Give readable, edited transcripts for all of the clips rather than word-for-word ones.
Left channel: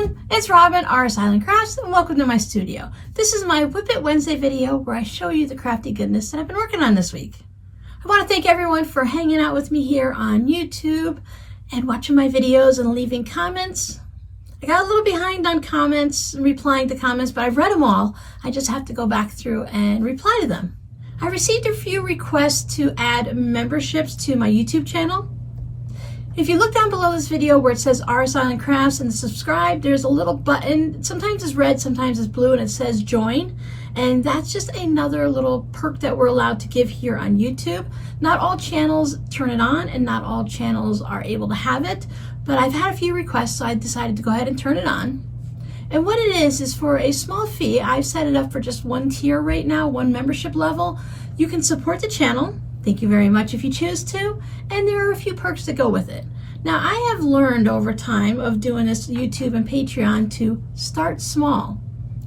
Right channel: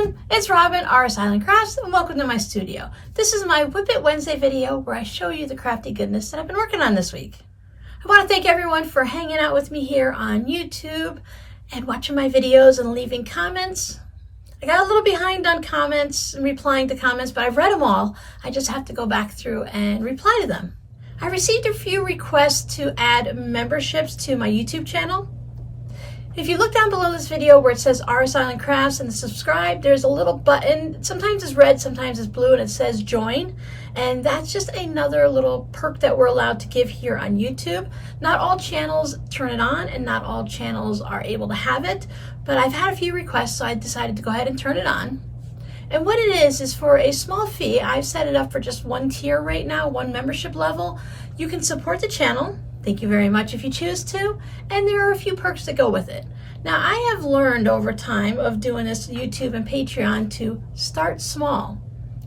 everyone, it's Robin, RS Island Crafts, and welcome to my studio. This is my Whip It Wednesday video where I show you the crafty goodness that I've been working on this week. I want to thank everyone for hanging out with me here on YouTube and watching my videos and leaving comments. I got a little behind on comments and replying to comments, but I've read them all. I just have to go back through and reply to them. I received a few requests to add memberships to my YouTube channel. If you look down below this video where it says RS Island Crafts and subscribe, there's a little button. Sometimes it's red, sometimes it's blue, and it says join. And that's just another little perk that we're allowed to give here on YouTube. Not all channels turn it on and not all channels are able to have it, but I've had a few requests, so I decided to go ahead and turn it on. And what it is for a small fee. I've set it up for just one tier right now, one membership level. You can support the channel. Thank you very much if you choose to, and there are a few perks that go with it. Now, I have learned over time of doing this YouTube and Patreon to start small.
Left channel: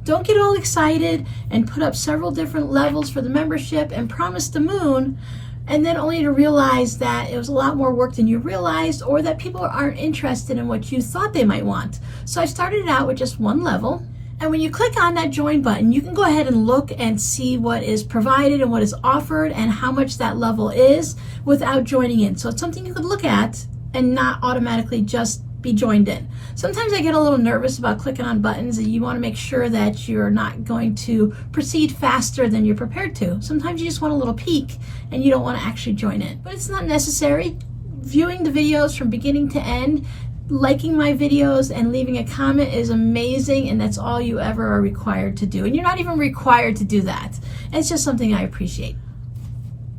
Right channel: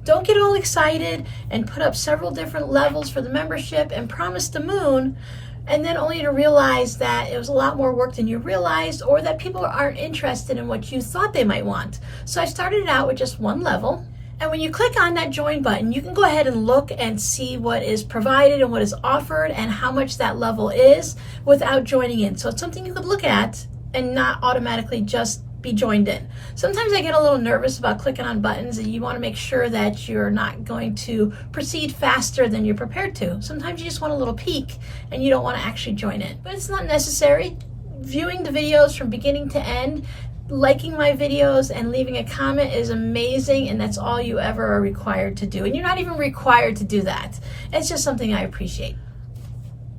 Don't get all excited and put up several different levels for the membership and promise the moon, and then only to realize that it was a lot more work than you realized, or that people aren't interested in what you thought they might want. So I started out with just one level. And when you click on that join button, you can go ahead and look and see what is provided and what is offered and how much that level is without joining in. So it's something you could look at and not automatically just be joined in. Sometimes I get a little nervous about clicking on buttons, and you want to make sure that you're not going to proceed faster than you're prepared to. Sometimes you just want a little peek and you don't want to actually join in. But it's not necessary. Viewing the videos from beginning to end, liking my videos and leaving a comment is amazing, and that's all you ever are required to do. And you're not even required to do that. It's just something I appreciate.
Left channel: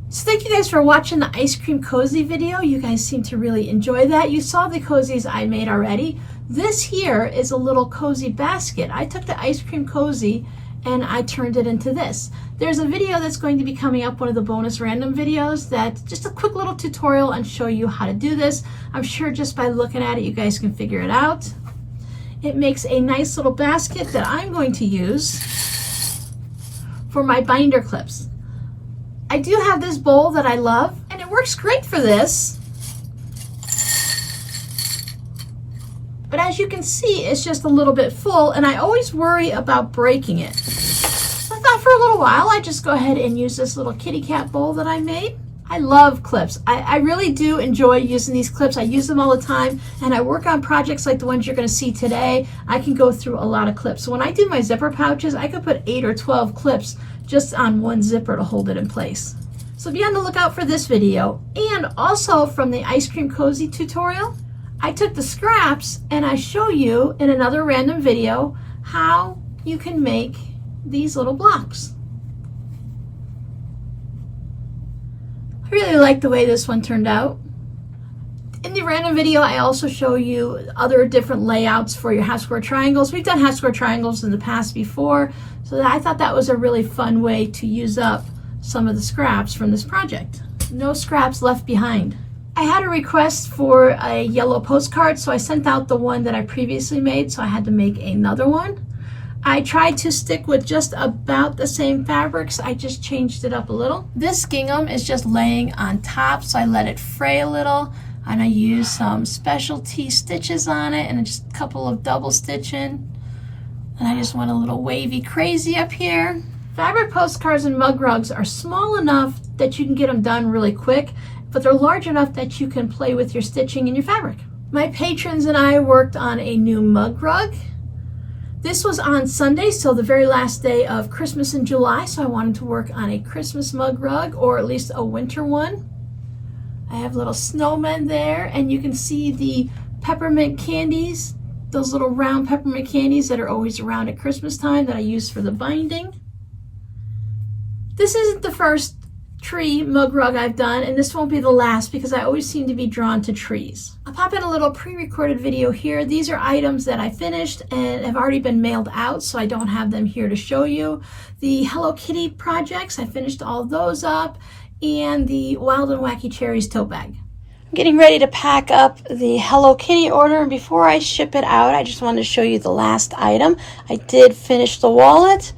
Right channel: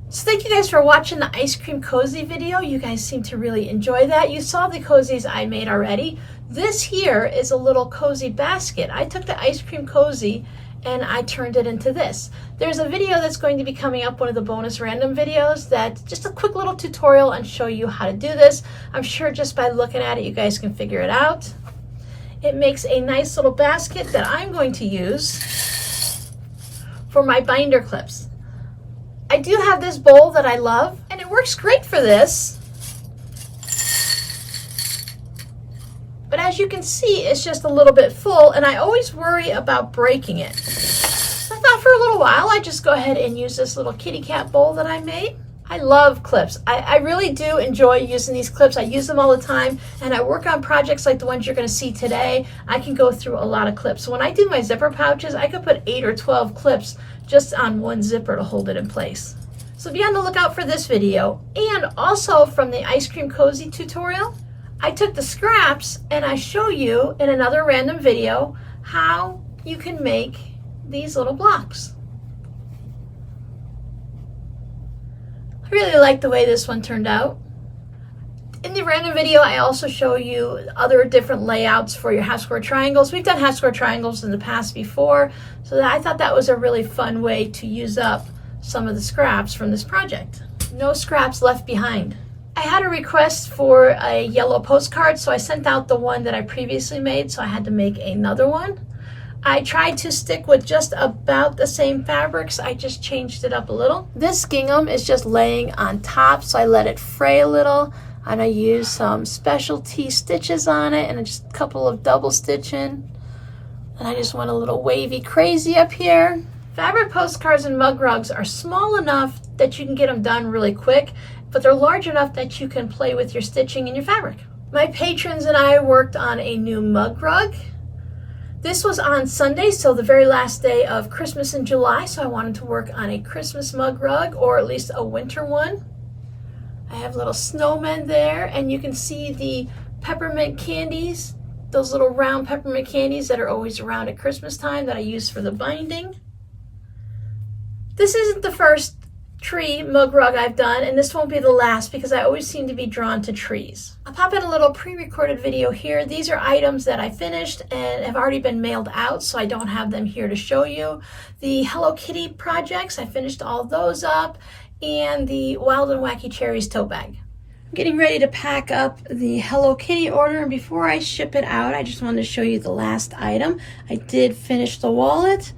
So thank you guys for watching the ice cream cozy video. You guys seem to really enjoy that. You saw the cozies I made already. This here is a little cozy basket. I took the ice cream cozy and I turned it into this. There's a video that's going to be coming up, one of the bonus random videos, that's just a quick little tutorial and show you how to do this. I'm sure just by looking at it, you guys can figure it out. It makes a nice little basket that I'm going to use for my binder clips. I do have this bowl that I love, and it works great for this. But as you can see, it's just a little bit full, and I always worry about breaking it. I thought for a little while I'd just go ahead and use this little kitty cat bowl that I made. I love clips. I really do enjoy using these clips. I use them all the time, and I work on projects like the ones you're going to see today. I can go through a lot of clips. So when I do my zipper pouches, I could put 8 or 12 clips just on one zipper to hold it in place. So be on the lookout for this video. And also from the ice cream cozy tutorial, I took the scraps and I show you in another random video how you can make these little blocks. I really like the way this one turned out. In the random video, I also show you other different layouts for your half square triangles. We've done half square triangles in the past before, so I thought that was a really fun way to use up some of the scraps from this project. No scraps left behind. I had a request for a yellow postcard, so I sent out the one that I previously made, so I had to make another one. I tried to stick with just about the same fabrics. I just changed it up a little. This gingham is just laying on top, so I let it fray a little, and I used some specialty stitches on it and just a couple of double stitching. And I just went a little wavy crazy up here. Fabric postcards and mug rugs are small enough that you can get them done really quick, but they're large enough that you can play with your stitching and your fabric. My patrons and I worked on a new mug rug. This was on Sunday, so the very last day of Christmas in July, so I wanted to work on a Christmas mug rug, or at least a winter one. I have little snowmen there, and you can see the peppermint candies, those little round peppermint candies that are always around at Christmas time that I use for the binding. This isn't the first tree mug rug I've done, and this won't be the last because I always seem to be drawn to trees. I'll pop in a little pre-recorded video here. These are items that I finished and have already been mailed out, so I don't have them here to show you. The Hello Kitty projects, I finished all those up, and the Wild and Wacky Cherries tote bag. I'm getting ready to pack up the Hello Kitty order, and before I ship it out, I just wanted to show you the last item. I did finish the wallet.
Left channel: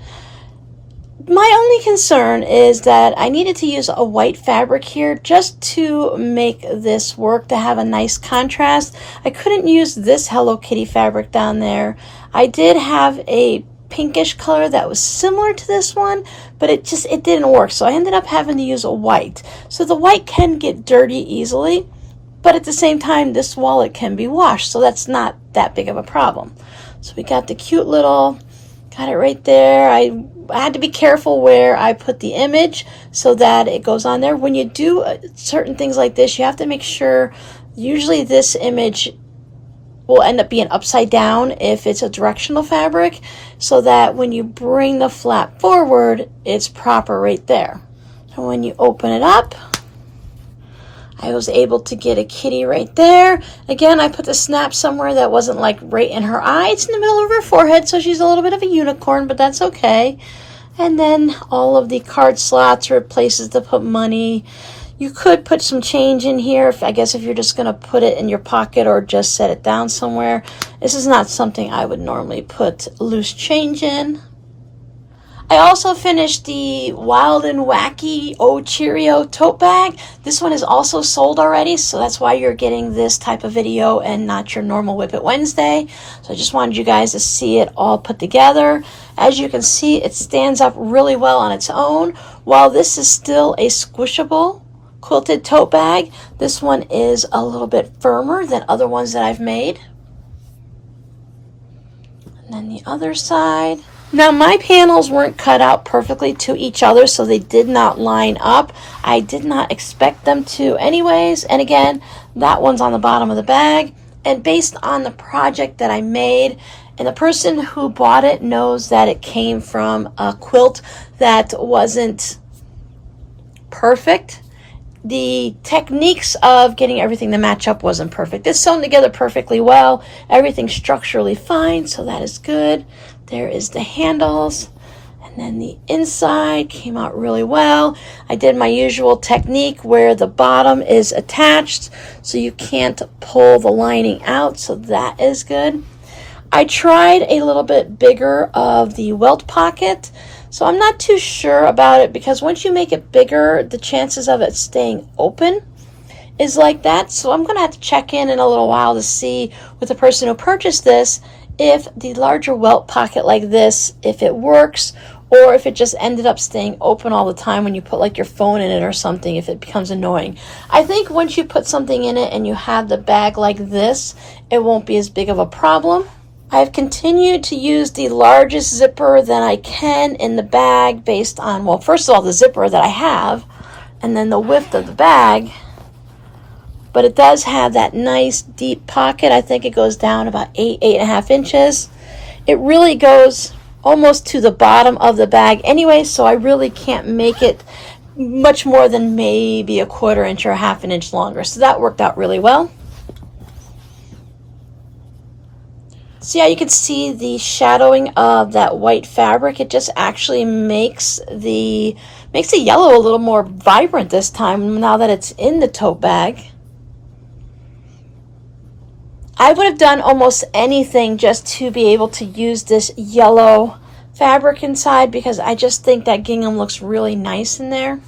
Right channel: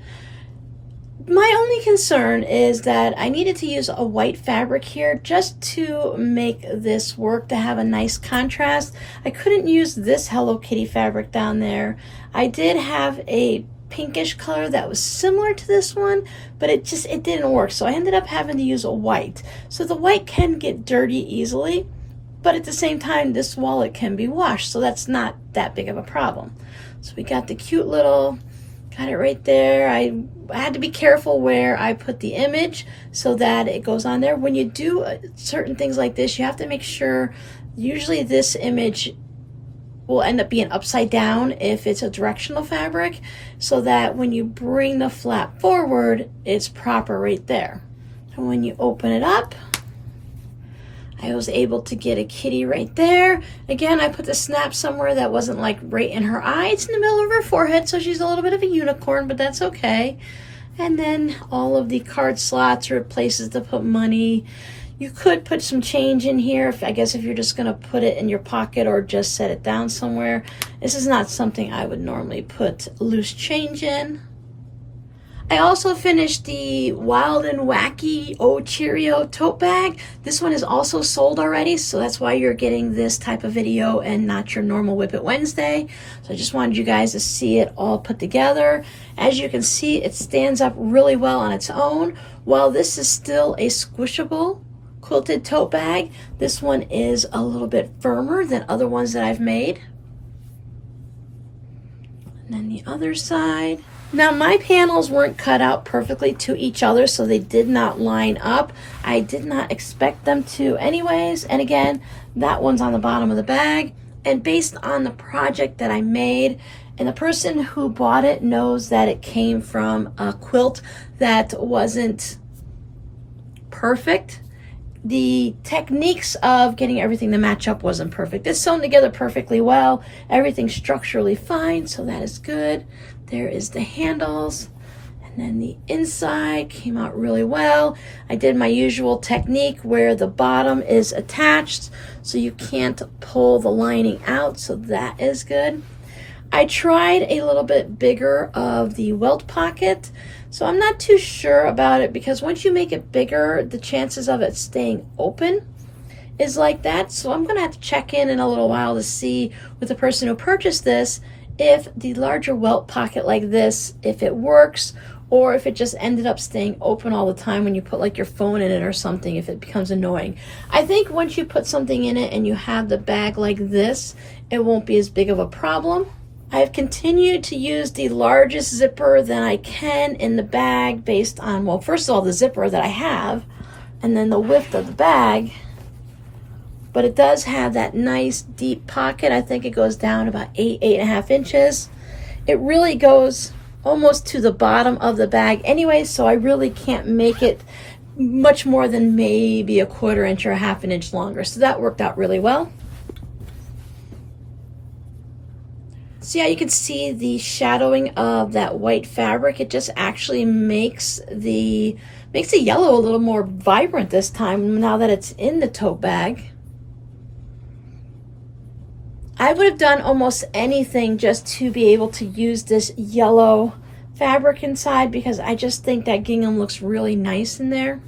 My only concern is that I needed to use a white fabric here just to make this work, to have a nice contrast. I couldn't use this Hello Kitty fabric down there. I did have a pinkish color that was similar to this one, but it didn't work, so I ended up having to use a white. So the white can get dirty easily, but at the same time this wallet can be washed, so that's not that big of a problem. So we got the cute little, got it right there. I had to be careful where I put the image so that it goes on there. When you do certain things like this, you have to make sure, usually this image will end up being upside down if it's a directional fabric, so that when you bring the flap forward, it's proper right there. And when you open it up, I was able to get a kitty right there. Again, I put the snap somewhere that wasn't like right in her eye. It's in the middle of her forehead, so she's a little bit of a unicorn, but that's okay. And then all of the card slots are places to put money. You could put some change in here, I guess if you're just gonna put it in your pocket or just set it down somewhere. This is not something I would normally put loose change in. I also finished the Wild and Wacky Oh Cheerio tote bag. This one is also sold already, so that's why you're getting this type of video and not your normal Whip It Wednesday. So I just wanted you guys to see it all put together. As you can see, it stands up really well on its own. While this is still a squishable quilted tote bag, this one is a little bit firmer than other ones that I've made. And then the other side. Now my panels weren't cut out perfectly to each other, so they did not line up. I did not expect them to anyways. And again, that one's on the bottom of the bag. And based on the project that I made, and the person who bought it knows that it came from a quilt that wasn't perfect. The techniques of getting everything to match up wasn't perfect. It's sewn together perfectly well. Everything's structurally fine, so that is good. There is the handles, and then the inside came out really well. I did my usual technique where the bottom is attached, so you can't pull the lining out, so that is good. I tried a little bit bigger of the welt pocket, so I'm not too sure about it, because once you make it bigger, the chances of it staying open is like that. So I'm gonna have to check in a little while to see with the person who purchased this if the larger welt pocket like this, if it works, or if it just ended up staying open all the time when you put like your phone in it or something, if it becomes annoying. I think once you put something in it and you have the bag like this, it won't be as big of a problem. I've continued to use the largest zipper that I can in the bag based on, well, first of all, the zipper that I have, and then the width of the bag. But it does have that nice deep pocket. I think it goes down about 8.5 inches. It really goes almost to the bottom of the bag anyway, so I really can't make it much more than maybe 1/4 inch or 1/2 inch longer. So that worked out really well. So yeah, you can see the shadowing of that white fabric. It just actually makes the yellow a little more vibrant this time now that it's in the tote bag. I would have done almost anything just to be able to use this yellow fabric inside, because I just think that gingham looks really nice in there.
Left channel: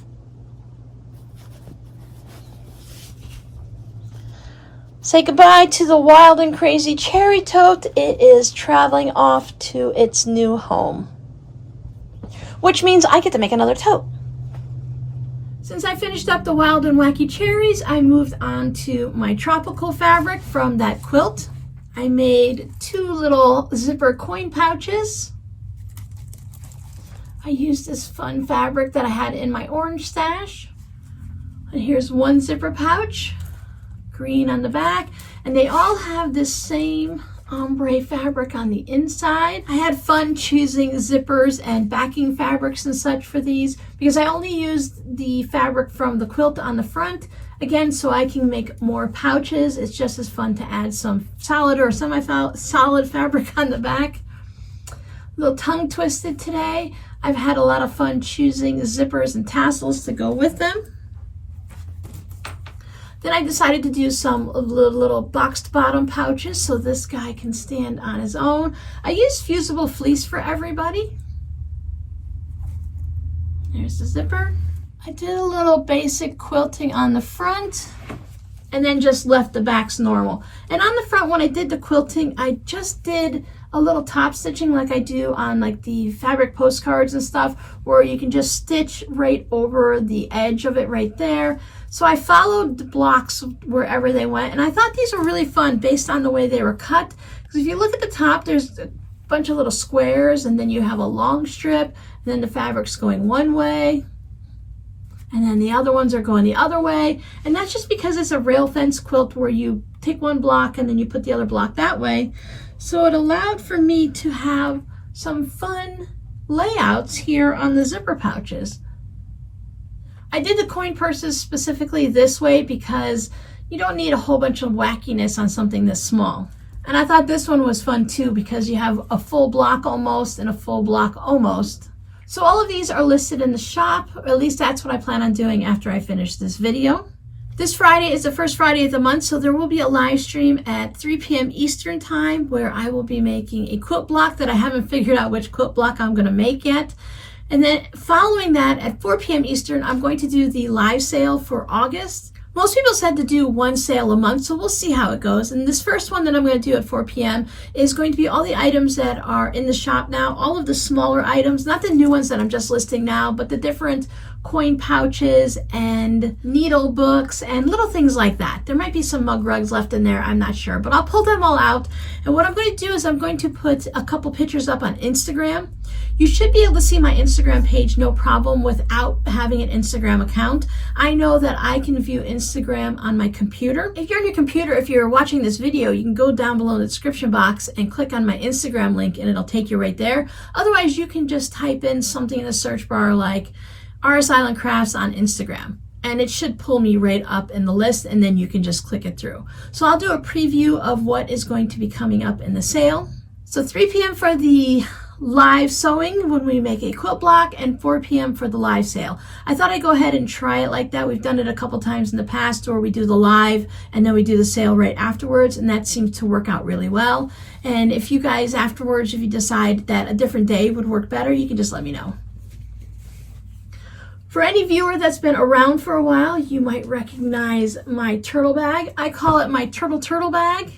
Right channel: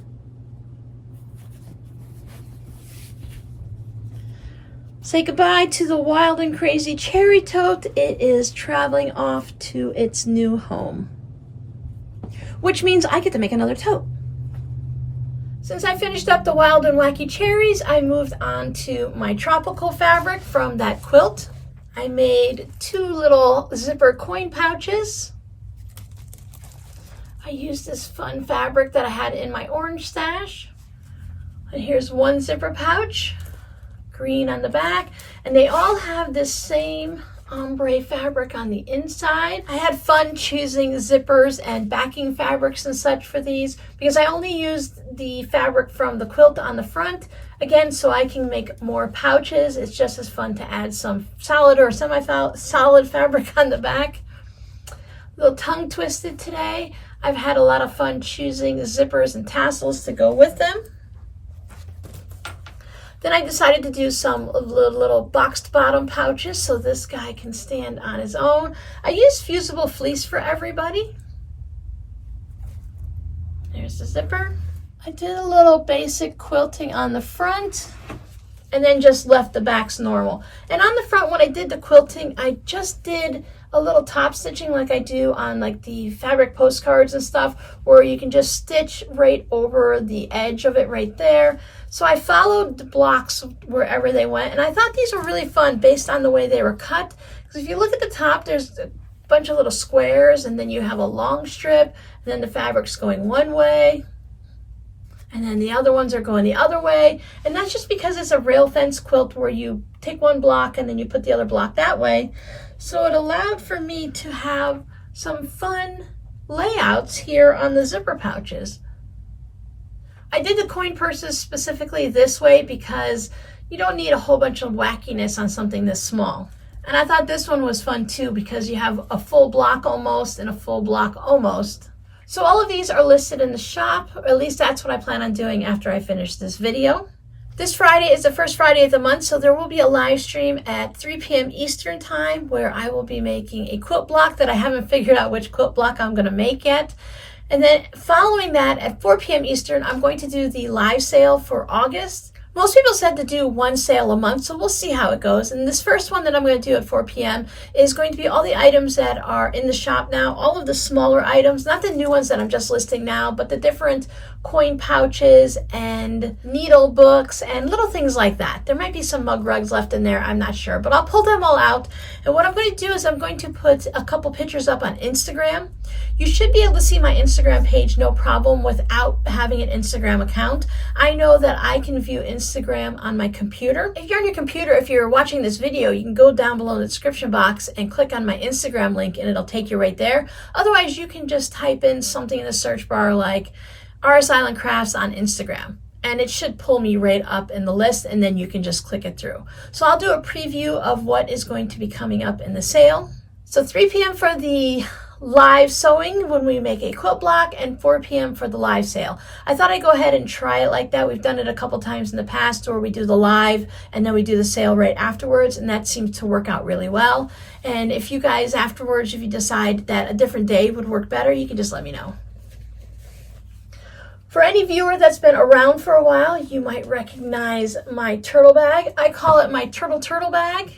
Say goodbye to the Wild and Crazy Cherry Tote. It is traveling off to its new home, which means I get to make another tote. Since I finished up the Wild and Wacky Cherries, I moved on to my tropical fabric from that quilt. I made 2 little zipper coin pouches. I used this fun fabric that I had in my orange stash. And here's one zipper pouch, green on the back, and they all have this same ombre fabric on the inside. I had fun choosing zippers and backing fabrics and such for these, because I only used the fabric from the quilt on the front, again, so I can make more pouches. It's just as fun to add some solid or semi-solid fabric on the back. A little tongue twisted today. I've had a lot of fun choosing zippers and tassels to go with them. Then I decided to do some little boxed bottom pouches so this guy can stand on his own. I used fusible fleece for everybody. There's the zipper. I did a little basic quilting on the front and then just left the backs normal. And on the front, when I did the quilting, I just did a little top stitching like I do on like the fabric postcards and stuff, where you can just stitch right over the edge of it right there. So I followed the blocks wherever they went, and I thought these were really fun based on the way they were cut. Because if you look at the top, there's a bunch of little squares, and then you have a long strip, and then the fabric's going one way, and then the other ones are going the other way. And that's just because it's a rail fence quilt where you take one block and then you put the other block that way. So it allowed for me to have some fun layouts here on the zipper pouches. I did the coin purses specifically this way because you don't need a whole bunch of wackiness on something this small. And I thought this one was fun too because you have a full block almost and a full block almost. So all of these are listed in the shop, or at least that's what I plan on doing after I finish this video. This Friday is the first Friday of the month, so there will be a live stream at 3 p.m. Eastern time where I will be making a quilt block that I haven't figured out which quilt block I'm going to make yet. And then following that at 4 p.m. Eastern, I'm going to do the live sale for August. Most people said to do one sale a month, so we'll see how it goes. And this first one that I'm going to do at 4 p.m. is going to be all the items that are in the shop now, all of the smaller items, not the new ones that I'm just listing now, but the different coin pouches and needle books and little things like that. There might be some mug rugs left in there, I'm not sure, but I'll pull them all out. And what I'm going to do is I'm going to put a couple pictures up on Instagram. You should be able to see my Instagram page no problem without having an Instagram account. I know that I can view Instagram on my computer. If you're on your computer, if you're watching this video, you can go down below in the description box and click on my Instagram link and it'll take you right there. Otherwise, you can just type in something in the search bar like RS Island Crafts on Instagram, and it should pull me right up in the list, and then you can just click it through. So I'll do a preview of what is going to be coming up in the sale. So 3 p.m. for the live sewing when we make a quilt block, and 4 p.m. for the live sale. I thought I'd go ahead and try it like that. We've done it a couple times in the past where we do the live and then we do the sale right afterwards, and that seems to work out really well. And if you guys afterwards, if you decide that a different day would work better, you can just let me know. For any viewer that's been around for a while, you might recognize my turtle bag. I call it my turtle bag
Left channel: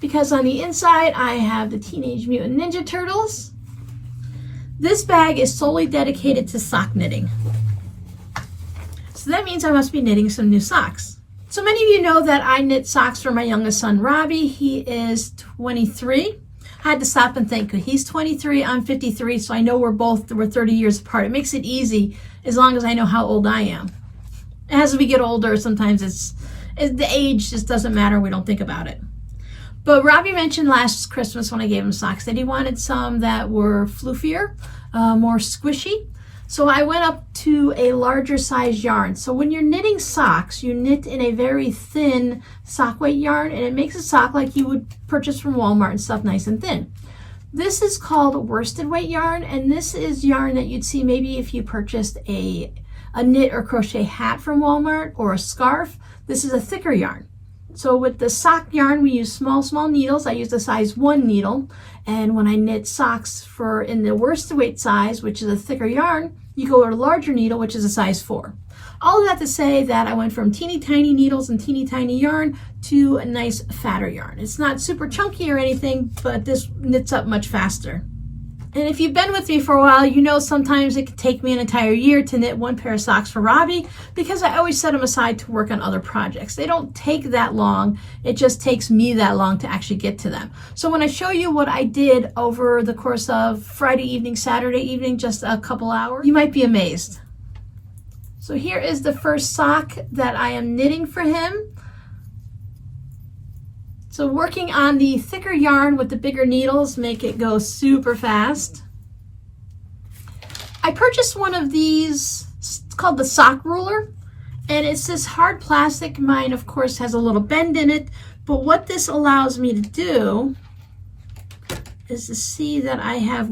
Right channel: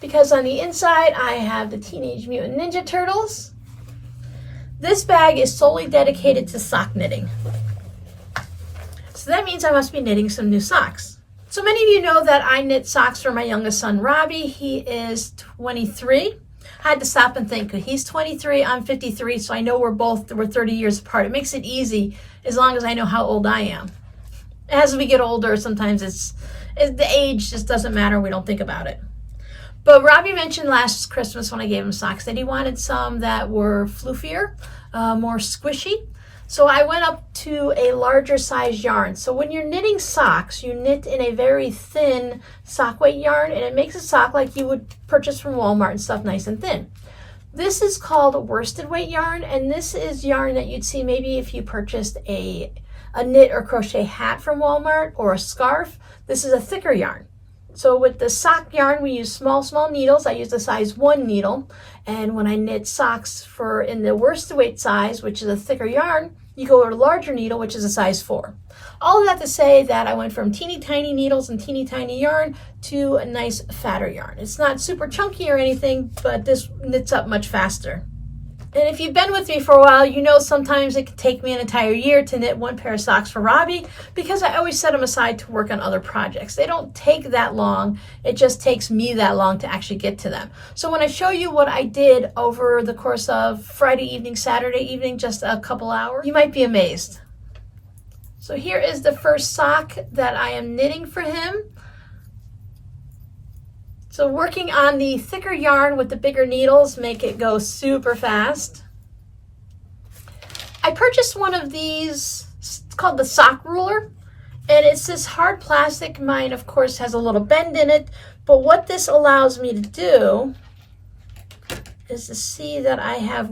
because on the inside I have the Teenage Mutant Ninja Turtles. This bag is solely dedicated to sock knitting. So that means I must be knitting some new socks. So many of you know that I knit socks for my youngest son, Robbie. He is 23. I had to stop and think, he's 23, I'm 53, so I know we're 30 years apart. It makes it easy as long as I know how old I am. As we get older, sometimes the age just doesn't matter. We don't think about it. But Robbie mentioned last Christmas when I gave him socks that he wanted some that were floofier, more squishy. So I went up to a larger size yarn. So when you're knitting socks, you knit in a very thin sock weight yarn, and it makes a sock like you would purchase from Walmart and stuff, nice and thin. This is called worsted weight yarn, and this is yarn that you'd see maybe if you purchased a knit or crochet hat from Walmart or a scarf. This is a thicker yarn. So with the sock yarn, we use small needles. I use a size 1 needle. And when I knit socks in the worsted weight size, which is a thicker yarn, you go with a larger needle, which is a size 4. All of that to say that I went from teeny tiny needles and teeny tiny yarn to a nice fatter yarn. It's not super chunky or anything, but this knits up much faster. And if you've been with me for a while, you know sometimes it could take me an entire year to knit one pair of socks for Robbie because I always set them aside to work on other projects. They don't take that long. It just takes me that long to actually get to them. So when I show you what I did over the course of Friday evening, Saturday evening, just a couple hours, you might be amazed. So here is the first sock that I am knitting for him. So working on the thicker yarn with the bigger needles make it go super fast. I purchased one of these, it's called the sock ruler, and it's this hard plastic. Mine, of course, has a little bend in it, but what this allows me to do is to see that I have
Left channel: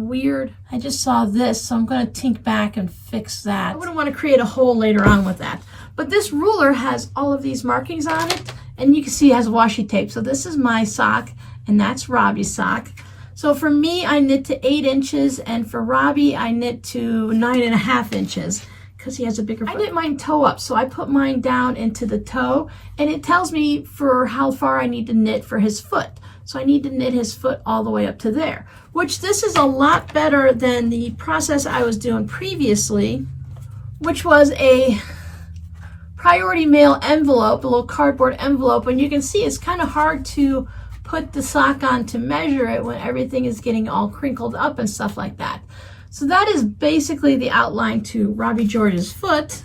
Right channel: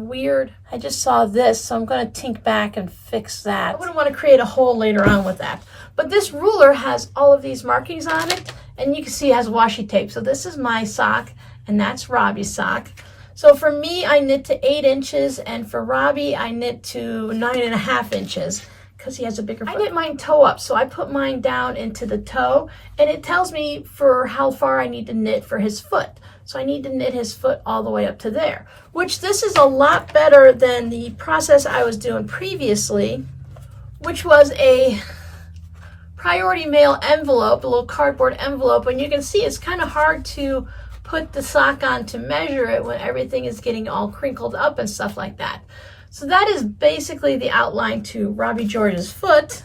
I just saw this, so I'm going to tink back and fix that. I wouldn't want to create a hole later on with that. But this ruler has all of these markings on it, and you can see it has washi tape. So this is my sock, and that's Robbie's sock. So for me, I knit to 8 inches, and for Robbie, I knit to 9.5 inches because he has a bigger foot. I get mine toe up, so I put mine down into the toe, and it tells me for how far I need to knit for his foot. So I need to knit his foot all the way up to there, which this is a lot better than the process I was doing previously, which was a priority mail envelope, a little cardboard envelope. And you can see it's kind of hard to put the sock on to measure it when everything is getting all crinkled up and stuff like that. So that is basically the outline to Robbie George's foot.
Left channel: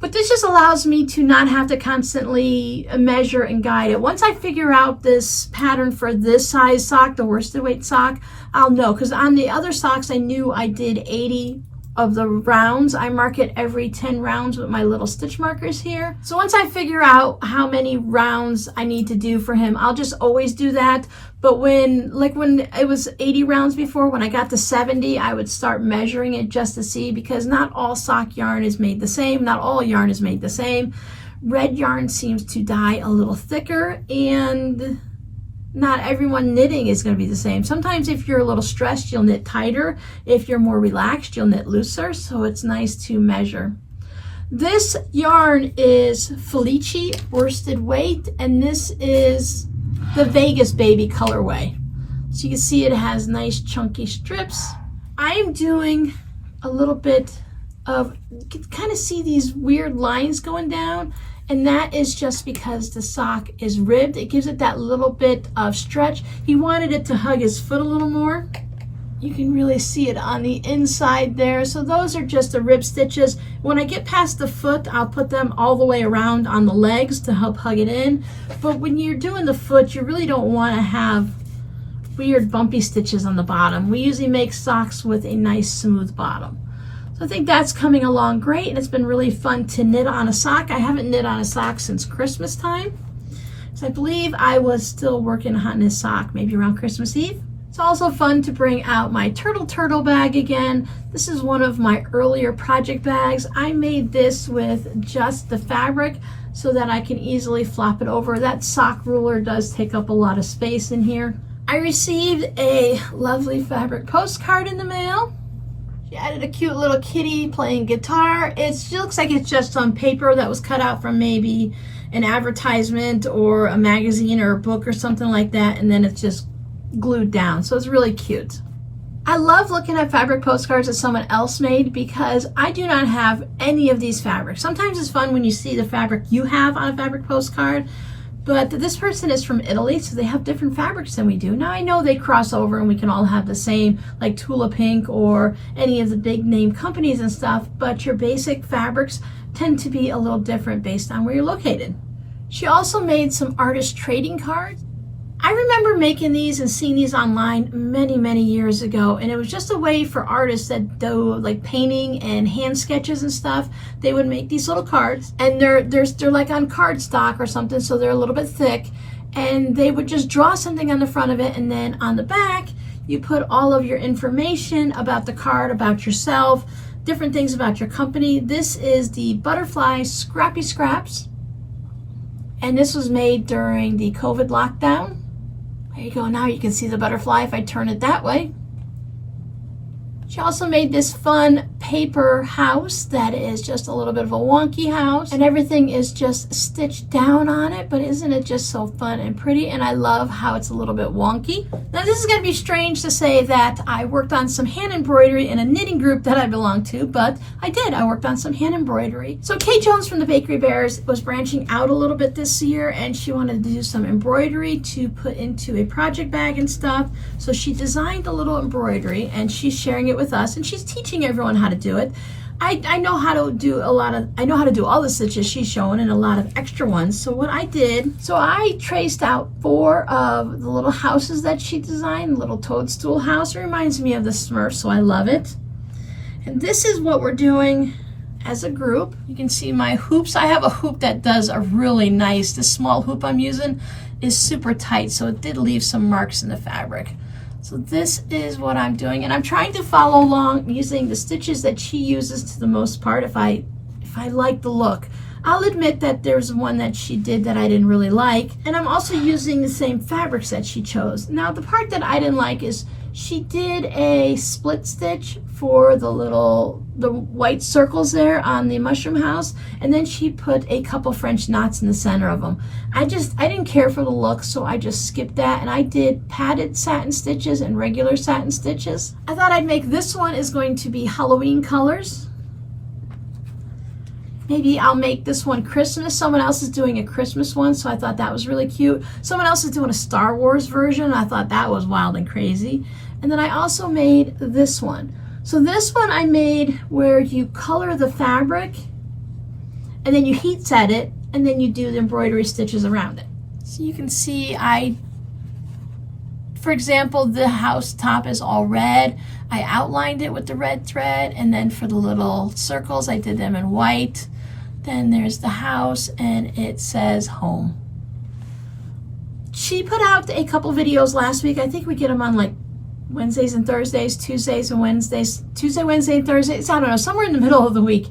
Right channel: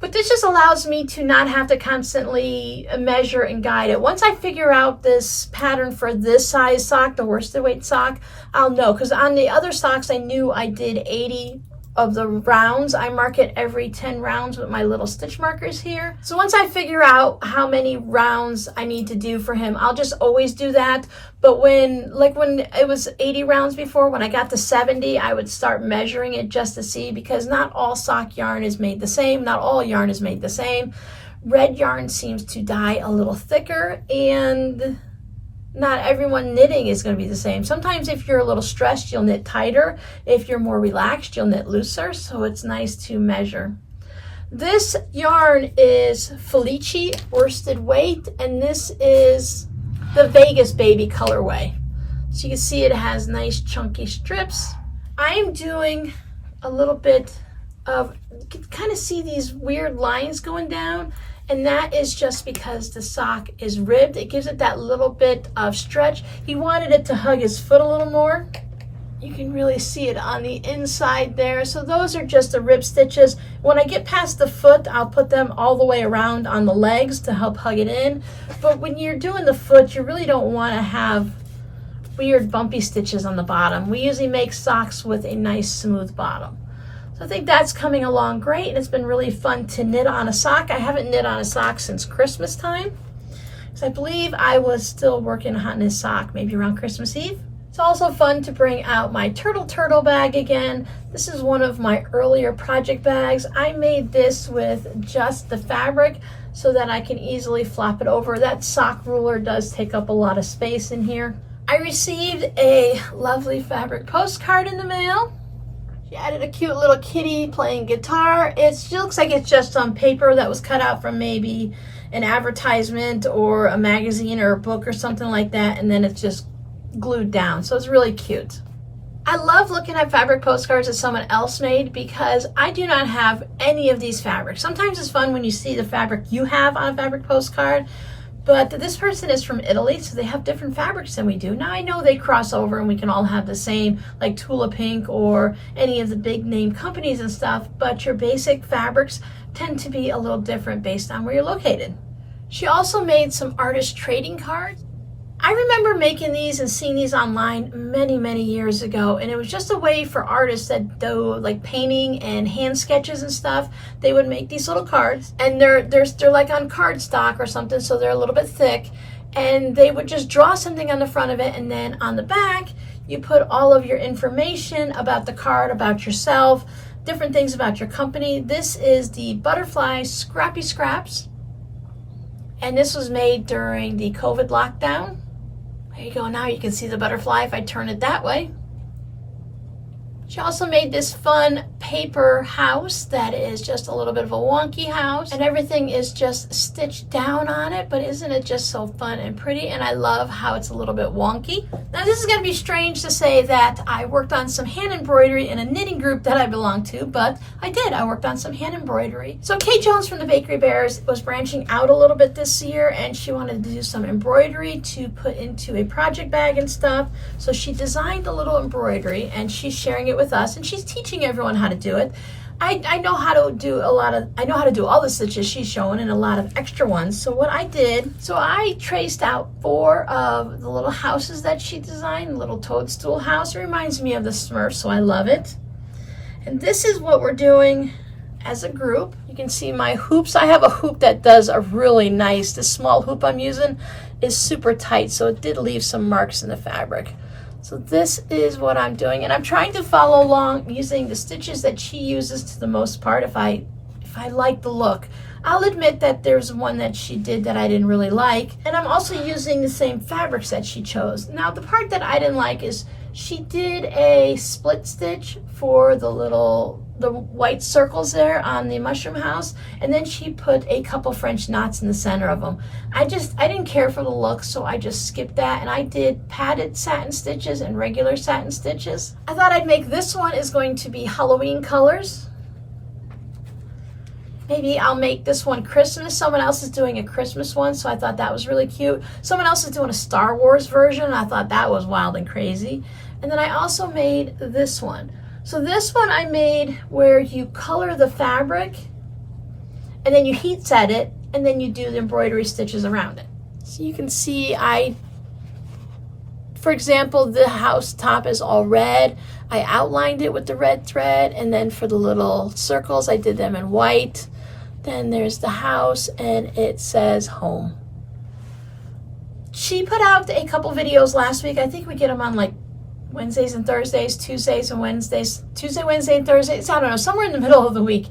But this just allows me to not have to constantly measure and guide it. Once I figure out this pattern for this size sock, the worsted weight sock, I'll know. Because on the other socks, I knew I did 80 of the rounds. I mark it every 10 rounds with my little stitch markers here. So once I figure out how many rounds I need to do for him, I'll just always do that. But when it was 80 rounds before, when I got to 70, I would start measuring it just to see, because not all sock yarn is made the same. Not all yarn is made the same. Red yarn seems to dye a little thicker, and not everyone knitting is going to be the same. Sometimes if you're a little stressed, you'll knit tighter. If you're more relaxed, you'll knit looser. So it's nice to measure. This yarn is Felice worsted weight, and this is the Vegas Baby colorway. So you can see it has nice chunky strips. I am doing a little bit of, you can kind of see these weird lines going down. And that is just because the sock is ribbed. It gives it that little bit of stretch. He wanted it to hug his foot a little more. You can really see it on the inside there. So those are just the rib stitches. When I get past the foot, I'll put them all the way around on the legs to help hug it in. But when you're doing the foot, you really don't want to have weird bumpy stitches on the bottom. We usually make socks with a nice smooth bottom. I think that's coming along great, and it's been really fun to knit on a sock. I haven't knit on a sock since Christmas time, so I believe I was still working on this sock maybe around Christmas Eve. It's also fun to bring out my turtle bag again. This is one of my earlier project bags. I made this with just the fabric so that I can easily flop it over. That sock ruler does take up a lot of space in here. I received a lovely fabric postcard in the mail. She added a cute little kitty playing guitar. It looks like it's just some paper that was cut out from maybe an advertisement or a magazine or a book or something like that, and then it's just glued down. So it's really cute. I love looking at fabric postcards that someone else made because I do not have any of these fabrics. Sometimes it's fun when you see the fabric you have on a fabric postcard, but this person is from Italy, so they have different fabrics than we do. Now I know they cross over and we can all have the same, like Tula Pink or any of the big name companies and stuff, but your basic fabrics tend to be a little different based on where you're located. She also made some artist trading cards. I remember making these and seeing these online many years ago, and it was just a way for artists that do like painting and hand sketches and stuff. They would make these little cards, and they're like on cardstock or something, so they're a little bit thick, and they would just draw something on the front of it, and then on the back you put all of your information about the card, about yourself, different things about your company. This is the Butterfly Scrappy Scraps, and this was made during the COVID lockdown. There you go. Now you can see the butterfly if I turn it that way. She also made this fun paper house that is just a little bit of a wonky house, and everything is just stitched down on it, but isn't it just so fun and pretty? And I love how it's a little bit wonky. Now this is going to be strange to say that I worked on some hand embroidery in a knitting group that I belong to, but I did. I worked on some hand embroidery. So Kate Jones from the Bakery Bears was branching out a little bit this year, and she wanted to do some embroidery to put into a project bag and stuff. So she designed a little embroidery, and she's sharing it with us, and she's teaching everyone how to do it. I know how to do all the stitches she's showing and a lot of extra ones. So what I did, so I traced out 4 of the little houses that she designed, little toadstool house. It reminds me of the Smurfs, so I love it. And this is what we're doing as a group. You can see my hoops. I have a hoop that does a really nice, this small hoop I'm using is super tight, so it did leave some marks in the fabric. So this is what I'm doing, and I'm trying to follow along using the stitches that she uses to the most part if I like the look. I'll admit that there's one that she did that I didn't really like, and I'm also using the same fabrics that she chose. Now the part that I didn't like is She did a split stitch for the white circles there on the mushroom house, and then she put a couple French knots in the center of them. I didn't care for the look, so I just skipped that, and I did padded satin stitches and regular satin stitches. I thought I'd make this one is going to be Halloween colors. Maybe I'll make this one Christmas. Someone else is doing a Christmas one, so I thought that was really cute. Someone else is doing a Star Wars version. I thought that was wild and crazy. And then I also made this one. So this one I made where you color the fabric and then you heat set it and then you do the embroidery stitches around it. So you can see for example, the house top is all red. I outlined it with the red thread, and then for the little circles, I did them in white. Then there's the house, and it says home. She put out a couple videos last week. I think we get them on like Wednesdays and Thursdays, Tuesdays and Wednesdays, Tuesday, Wednesday, and Thursdays. I don't know, somewhere in the middle of the week.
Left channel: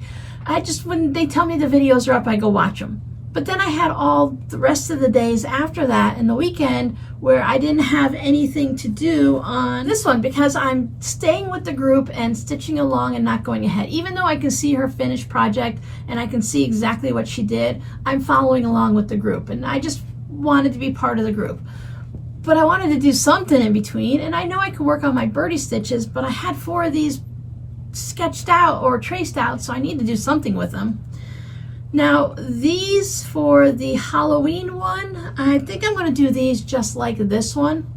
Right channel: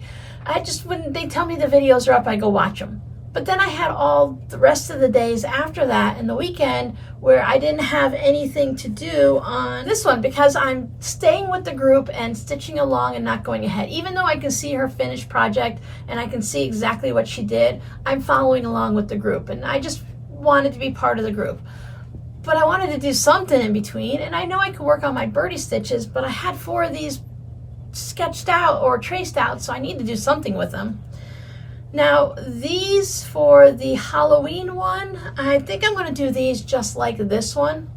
When they tell me the videos are up, I go watch them. But then I had all the rest of the days after that and the weekend where I didn't have anything to do on this one because I'm staying with the group and stitching along and not going ahead. Even though I can see her finished project and I can see exactly what she did, I'm following along with the group, and I just wanted to be part of the group. But I wanted to do something in between, and I know I could work on my birdie stitches, but I had 4 of these sketched out or traced out, so I need to do something with them. Now these for the Halloween one, I think I'm going to do these just like this one.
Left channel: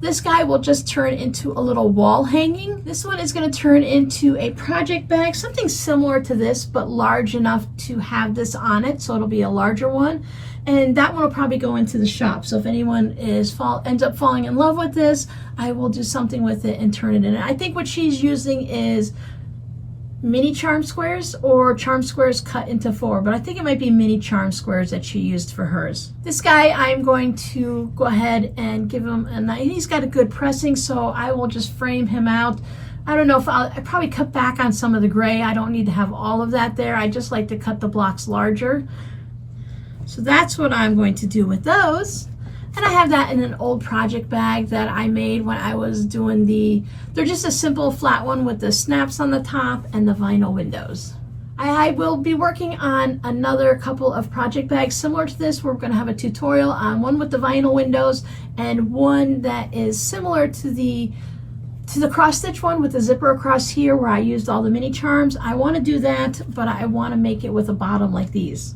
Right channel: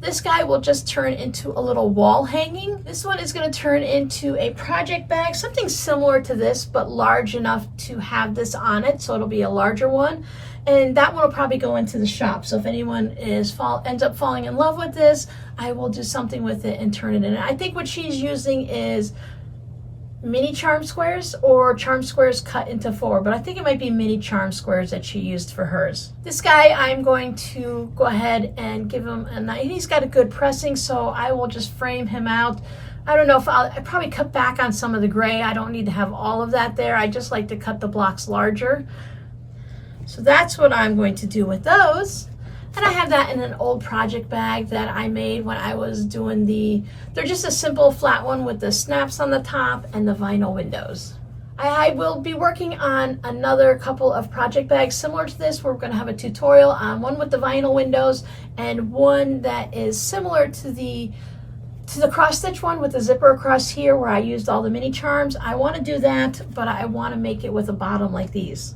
This guy will just turn into a little wall hanging. This one is going to turn into a project bag, something similar to this, but large enough to have this on it, so it'll be a larger one. And that one will probably go into the shop. So if anyone ends up falling in love with this, I will do something with it and turn it in. I think what she's using is mini charm squares or charm squares cut into 4, but I think it might be mini charm squares that she used for hers. This guy, I'm going to go ahead and give him he's got a good pressing, so I will just frame him out. I don't know if I probably cut back on some of the gray. I don't need to have all of that there. I just like to cut the blocks larger. So that's what I'm going to do with those. And I have that in an old project bag that I made when I was doing they're just a simple flat one with the snaps on the top and the vinyl windows. I will be working on another couple of project bags similar to this. We're going to have a tutorial on one with the vinyl windows and one that is similar to the cross stitch one with the zipper across here where I used all the mini charms. I want to do that, but I want to make it with a bottom like these.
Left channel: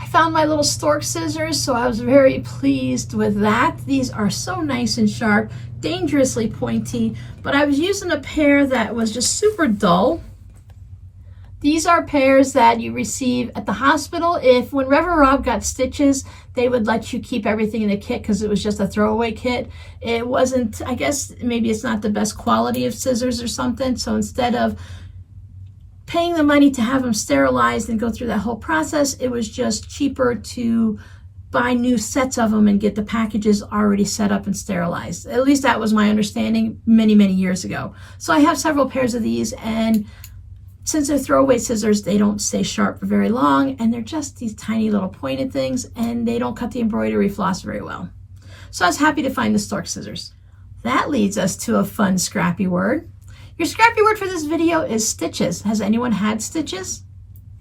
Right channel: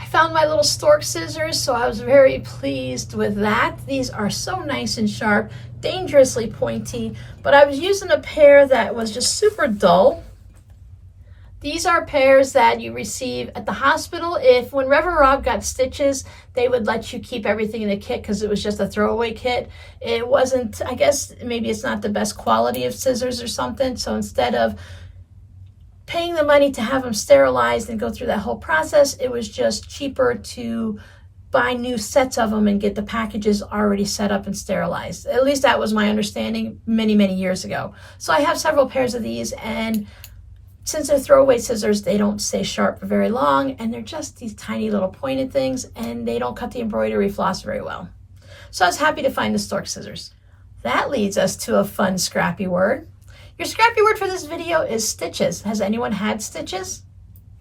I found my little stork scissors, so I was very pleased with that. These are so nice and sharp, dangerously pointy, but I was using a pair that was just super dull. These are pairs that you receive at the hospital. When Reverend Rob got stitches, they would let you keep everything in the kit because it was just a throwaway kit. It wasn't, I guess maybe it's not the best quality of scissors or something, so instead of paying the money to have them sterilized and go through that whole process, it was just cheaper to buy new sets of them and get the packages already set up and sterilized. At least that was my understanding many, many years ago. So I have several pairs of these, and since they're throwaway scissors, they don't stay sharp for very long, and they're just these tiny little pointed things, and they don't cut the embroidery floss very well. So I was happy to find the stork scissors. That leads us to a fun scrappy word. Your scrappy word for this video is stitches. Has anyone had stitches?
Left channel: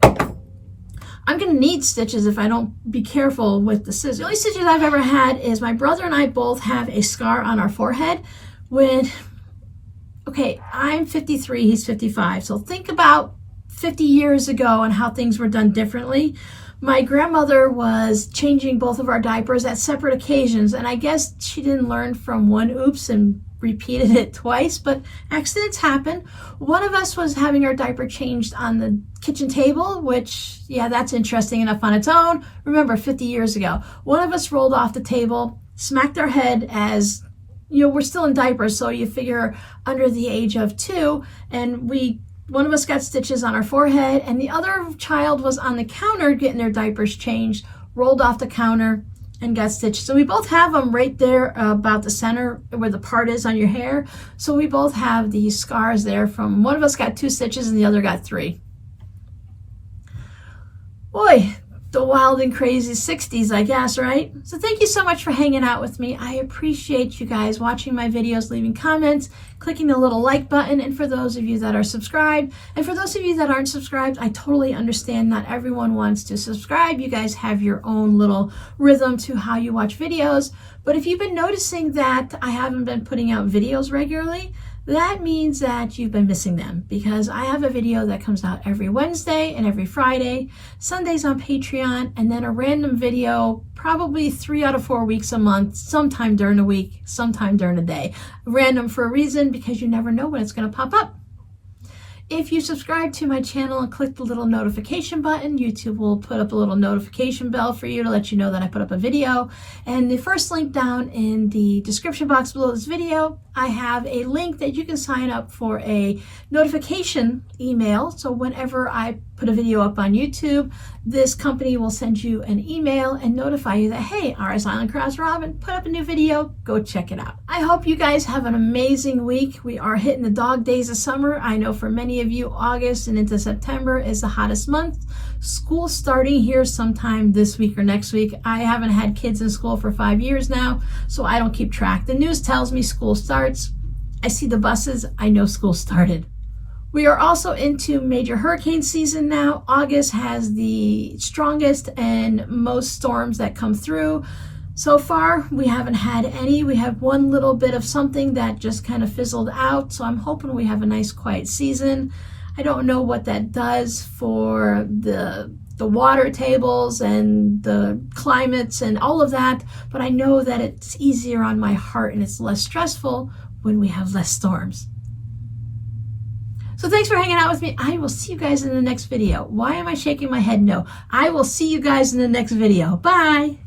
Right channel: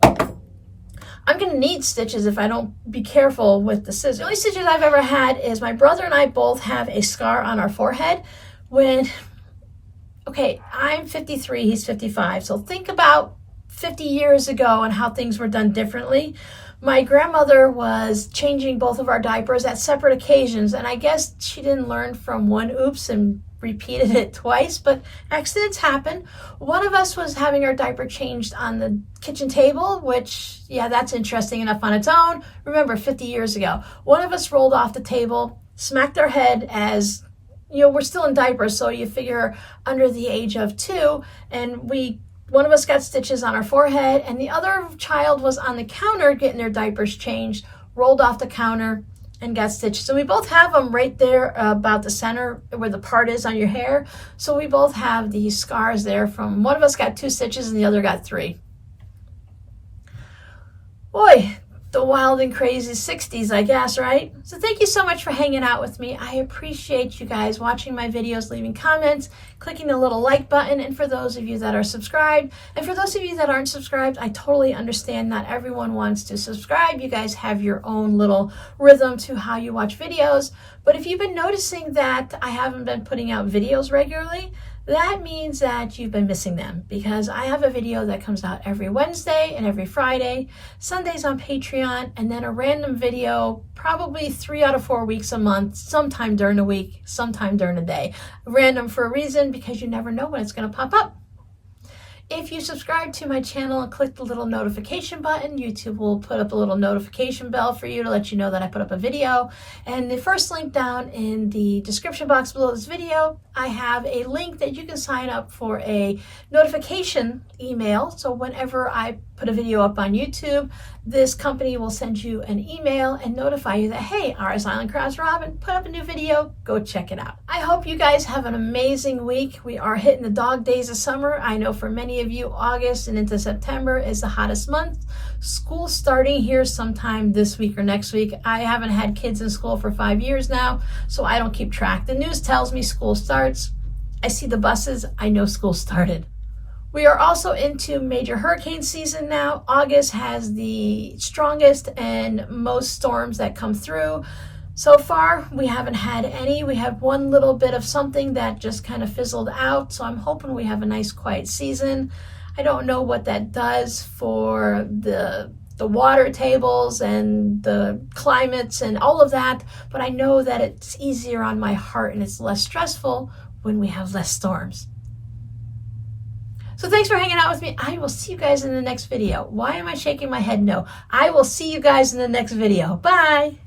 I'm going to need stitches if I don't be careful with the scissors. The only stitches I've ever had is my brother and I both have a scar on our forehead okay, I'm 53, he's 55. So think about 50 years ago and how things were done differently. My grandmother was changing both of our diapers at separate occasions, and I guess she didn't learn from one oops and repeated it twice, but accidents happen. One of us was having our diaper changed on the kitchen table, which, yeah, that's interesting enough on its own. Remember, 50 years ago. One of us rolled off the table, smacked our head as, we're still in diapers, so you figure under the age of 2, and one of us got stitches on our forehead, and the other child was on the counter getting their diapers changed, rolled off the counter, and got stitched. So we both have them right there about the center where the part is on your hair. So we both have these scars there from one of us got 2 stitches and the other got 3. Boy, the wild and crazy 60s, I guess, right? So thank you so much for hanging out with me. I appreciate you guys watching my videos, leaving comments, clicking the little like button, and for those of you that are subscribed, and for those of you that aren't subscribed, I totally understand not everyone wants to subscribe. You guys have your own little rhythm to how you watch videos, but if you've been noticing that I haven't been putting out videos regularly, that means that you've been missing them, because I have a video that comes out every Wednesday and every Friday, Sundays on Patreon, and then a random video probably 3 out of 4 weeks a month, sometime during the week, sometime during the day. Random for a reason, because you never know when it's going to pop up. If you subscribe to my channel and click the little notification button, YouTube will put up a little notification bell for you to let you know that I put up a video. And the first link down in the description box below this video, I have a link that you can sign up for a notification email. So whenever I put a video up on YouTube, this company will send you an email and notify you that, hey, RS Island Crafts Robin put up a new video, go check it out. I hope you guys have an amazing week. We are hitting the dog days of summer. I know for many of you, August and into September is the hottest month. School starting here sometime this week or next week. I haven't had kids in school for 5 years now, so I don't keep track. The news tells me school starts. I see the buses, I know school started. We are also into major hurricane season now. August has the strongest and most storms that come through. So far, we haven't had any. We had one little bit of something that just kind of fizzled out. So I'm hoping we have a nice quiet season. I don't know what that does for the water tables and the climates and all of that, but I know that it's easier on my heart and it's less stressful when we have less storms. So thanks for hanging out with me. I will see you guys in the next video. Why am I shaking my head no? I will see you guys in the next video. Bye.